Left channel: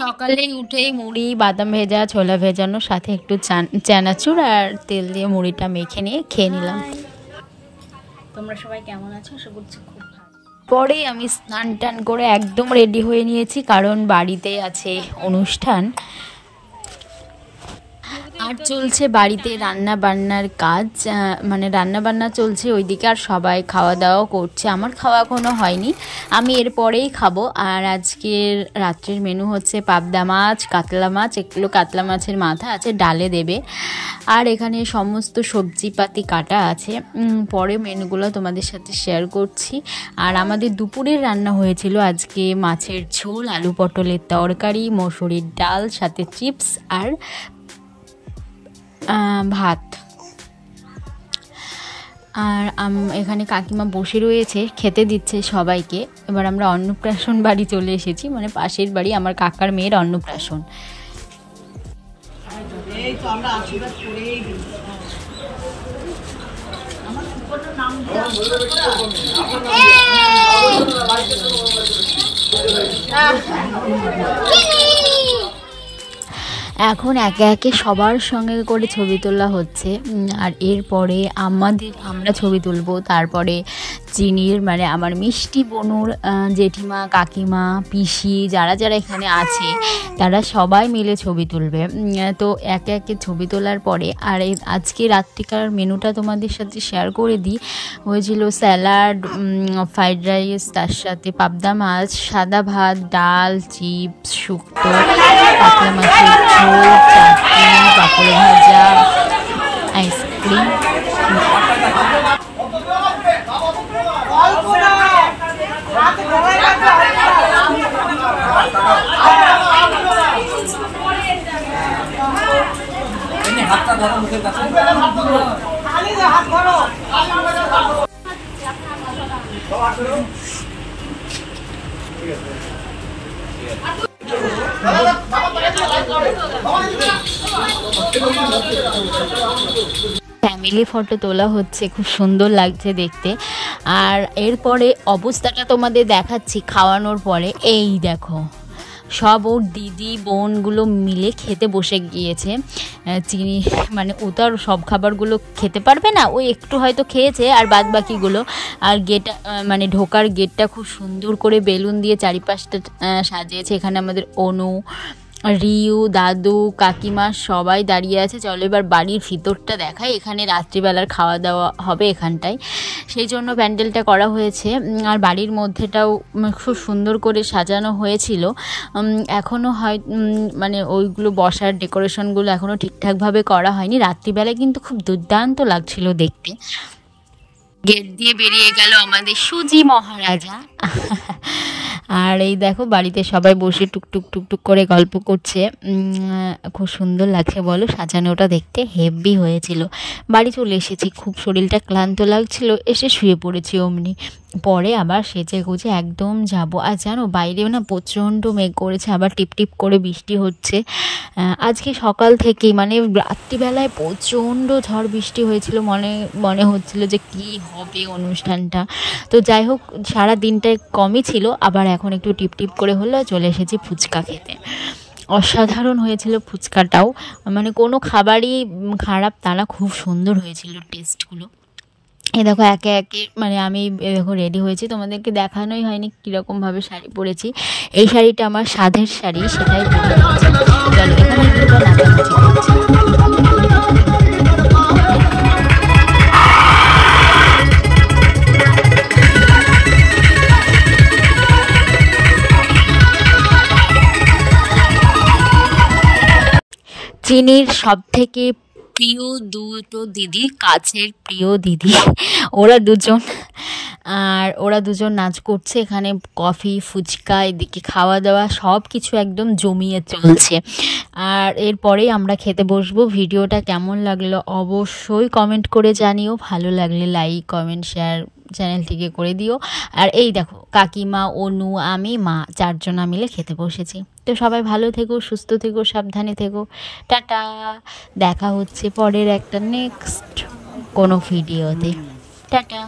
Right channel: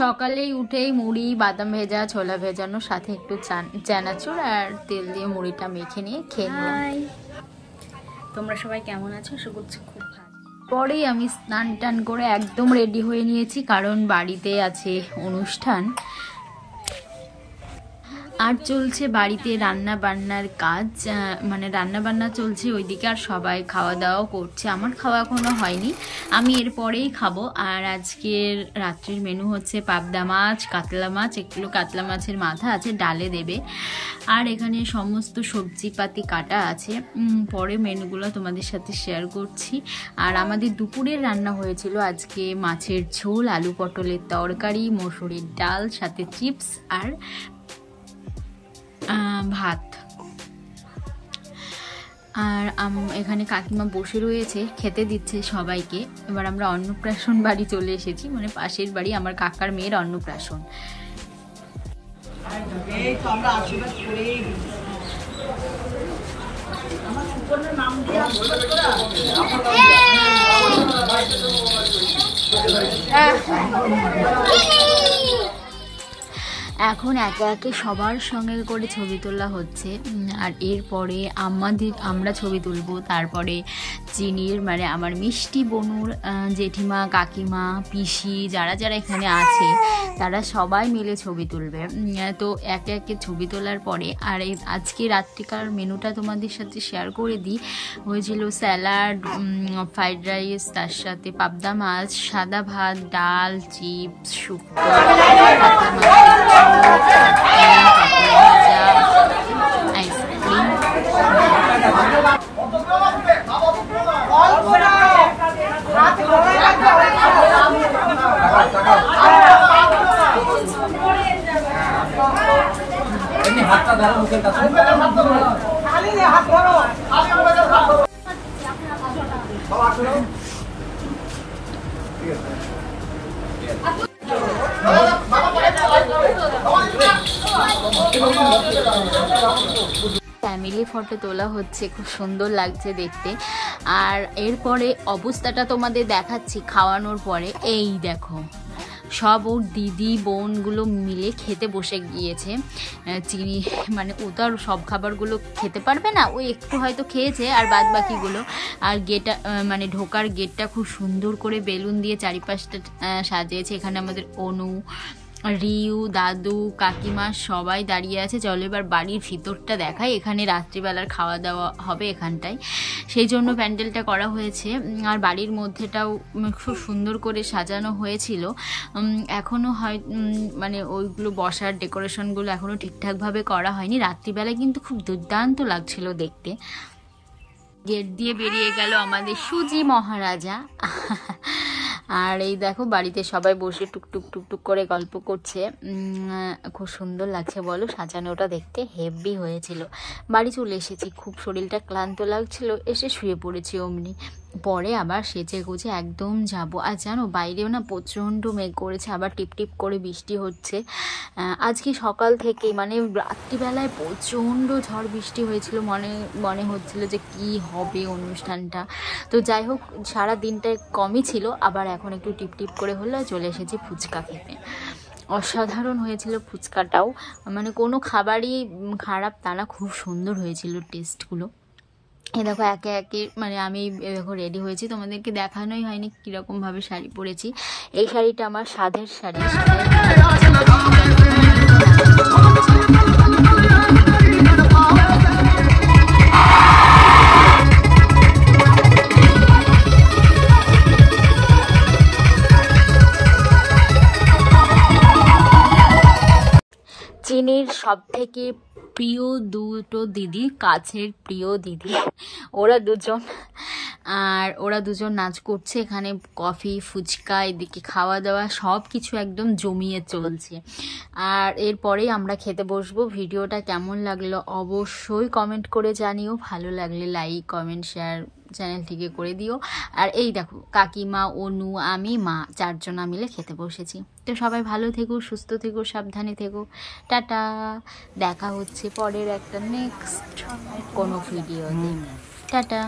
সকালেই উঠেই মুড়ি, বাদাম ভেজা, ছোলা ভেজানোর সাথে একটু চানাচুর আর তেল দিয়ে মুড়িটা মেখে নিয়ে খেয়ে নিলাম। তোমরা সবাই কেমন আছো? আশা করছি খুব ভালো। পরেই আমি স্নান টান করে একদম রেডি হয়ে নিয়েছি, কারণ বাড়িতে আছে অনুষ্ঠান আর চলছে বাড়িতে রান্না বান্নার কাজ, মানে রান্না বান্না চলছে ওইদিকে, আর সবাই খাওয়া দাওয়া করছে। আমার খাওয়া এখনো হয়নি, আমি এরপরেই খাবো। আর আজকের রাত্রের মেনু হচ্ছে পাবদা মাছ, কাতলা মাছ, এগুলো কাতলা মাছের মাথা আছে, ডালে দেবে। আর এখানে সমস্ত সবজিপাতি কাটা আছে, পরে মেনুগুলো তোমাদের সাথে শেয়ার করছি। আর আমাদের দুপুরের রান্না হয়েছিল আজকে মাছের ঝোল, আলু পটলের তরকারি, মসুরির ডাল, সাথে চিপস আর ভাত। আর এখানে কাকিমা বসে রয়েছে, খেতে দিচ্ছে সবাইকে। এবার আমরা অন্নপ্রাশন বাড়ি চলে এসেছি, মানে পাশের বাড়ি আমার কাকার মেয়ের অন্নপ্রাশন। এই তো আমরা আশীর্বাদ করেই দিই। আমার সুপর্ণ নাম দিয়ে এখন একে একে সবার সঙ্গে করে ছবি তোলা হচ্ছে। আর এরপরে আমরা ছবি তুলবো, তারপরে চিনির মানে আমার মিষ্টি বোনুর জেঠিমা, কাকিমা, পিসি যারা যারা এখানে আছে তারা সবাই মিলে ছবি তুলবে। তো একে একে ছবি তোলার পরে আর এই আজকে রাত্রিকার মেনুটা তোমাদের সাথে শেয়ার করে দিই। হয়েছিল স্যালাড, ফ্রাইড রাইস, তার সাথে পাবদা মাছ, সাদা ভাত, ডাল, চিপস, শুক্তো, পাপড় ভাজা, আইসক্রিম। হাতটা ধরো মুখের কাছে, ফ্যামিলি ফটো তোলা হচ্ছে, খুব সুন্দর লাগছে দেখতে। আর এরপরে অবস্থাটা তোমাদের দেখাচ্ছি খাওয়ানোর পরে। এই দেখো সব ওর দিদি বোনগুলো মিলে খেতে বসে গিয়েছে। চিনি মানে ও তো আর সব খাবারগুলো খেতে পারবে না, ওই একটু হয়তো খেয়েছে আর বাদ বাকিগুলো। আর গেটটা মানে ঢোকার গেটটা খুব সুন্দর করে বেলুন দিয়ে চারিপাশটা সাজিয়েছে। এখানে আমাদের অনু, রিউ, দাদু, কাকিমা সবাই দাঁড়িয়ে আছে। চলো এবার বাড়ির ভিতরটা দেখাই। এখানে রাত্রিবেলার খাওয়া দাওয়া হবে এখানটায়, সেই জন্য প্যান্ডেলটা করা হয়েছে। আর বাড়ির মধ্যেটাও খুব সুন্দর করে সাজানো হয়েছিল। এখনও হয় মানে ওইগুলো বসার ডেকোরেশনগুলো এখনও ঠিকঠাকভাবে করা হয়নি। রাত্রিবেলায় কিন্তু খুব দুর্দান্ত লাগছিল দেখতে। গেট দিয়ে বেরিয়ে গেল আমাদের সুজি মহারাজা। আর এই দেখো বাড়িতে সবাই বসে টুকটুক টুকটুক করে গল্প করছে। খুব সুন্দর লাগছে বলো, সাজানোটা দেখতে হেভি হয়েছিল। বাড়ি চলে এসেছি, খুব শরীরটা ক্লান্ত লাগছিল, এসে শুয়ে পড়েছি অমনি। পরে আবার সেজে গুজে একদম যাব। আর জানো বাইরেও না প্রচণ্ড মেঘ করেছে, আবার টিপটিপ করে বৃষ্টি হচ্ছে। আজকে সকাল থেকেই মানে রাত্রিবেলায় প্রচণ্ড ঝড় বৃষ্টি হয়েছিল, মনে হচ্ছিল যে কি হবে অনুষ্ঠানটা। তো যাই হোক সারা দিনটায় কমই ছিল, আবার এখন একটু টিপটিপ করে হলো। চলে এসেছি ফুচকা খেতে। অসাধারণ হয়েছিল ফুচকাটাও, মানে কোনো খাবারই খারাপ তা না, খুব সুন্দর হয়েছিল টেস্টগুলো। এই দেখো একে একে মানে আমি দেখো রেডি হয়েছি, তোমাদেরকে দেখানোই হয়নি কীরকমভাবে শাড়ি পরেছি। এই শাড়িটা আমার সাধের শাড়ি, সেটাই চিনির সব থেকে প্রিয় দুটো দিদি, কাছের প্রিয় দিদি, ওরা দুজন নাচ করছে। এখানে কফি, ফুচকা, এদিকে খাওয়া দাওয়া সব কিছু একদম জমিয়ে চলছে। আর এরপরেই আমরা খেতে বসবো। ভিডিওটা কেমন লাগলো অবশ্যই কমেন্ট করে জানিও, ভালো লাগলে লাইক, কমেন্ট, শেয়ার চ্যানেলটিকে করে দিও। আর এই দেখো কাকিমা, অনু, আমি, মা চারজনা মিলে খেতে বসেছি। তো সবাই ভালো থেকো, সুস্থ থেকো, সাবধানে থেকো। টাটা, দেখা হচ্ছে পরের একটা নেক্সট কোনো ভিডিওতে। টাটা।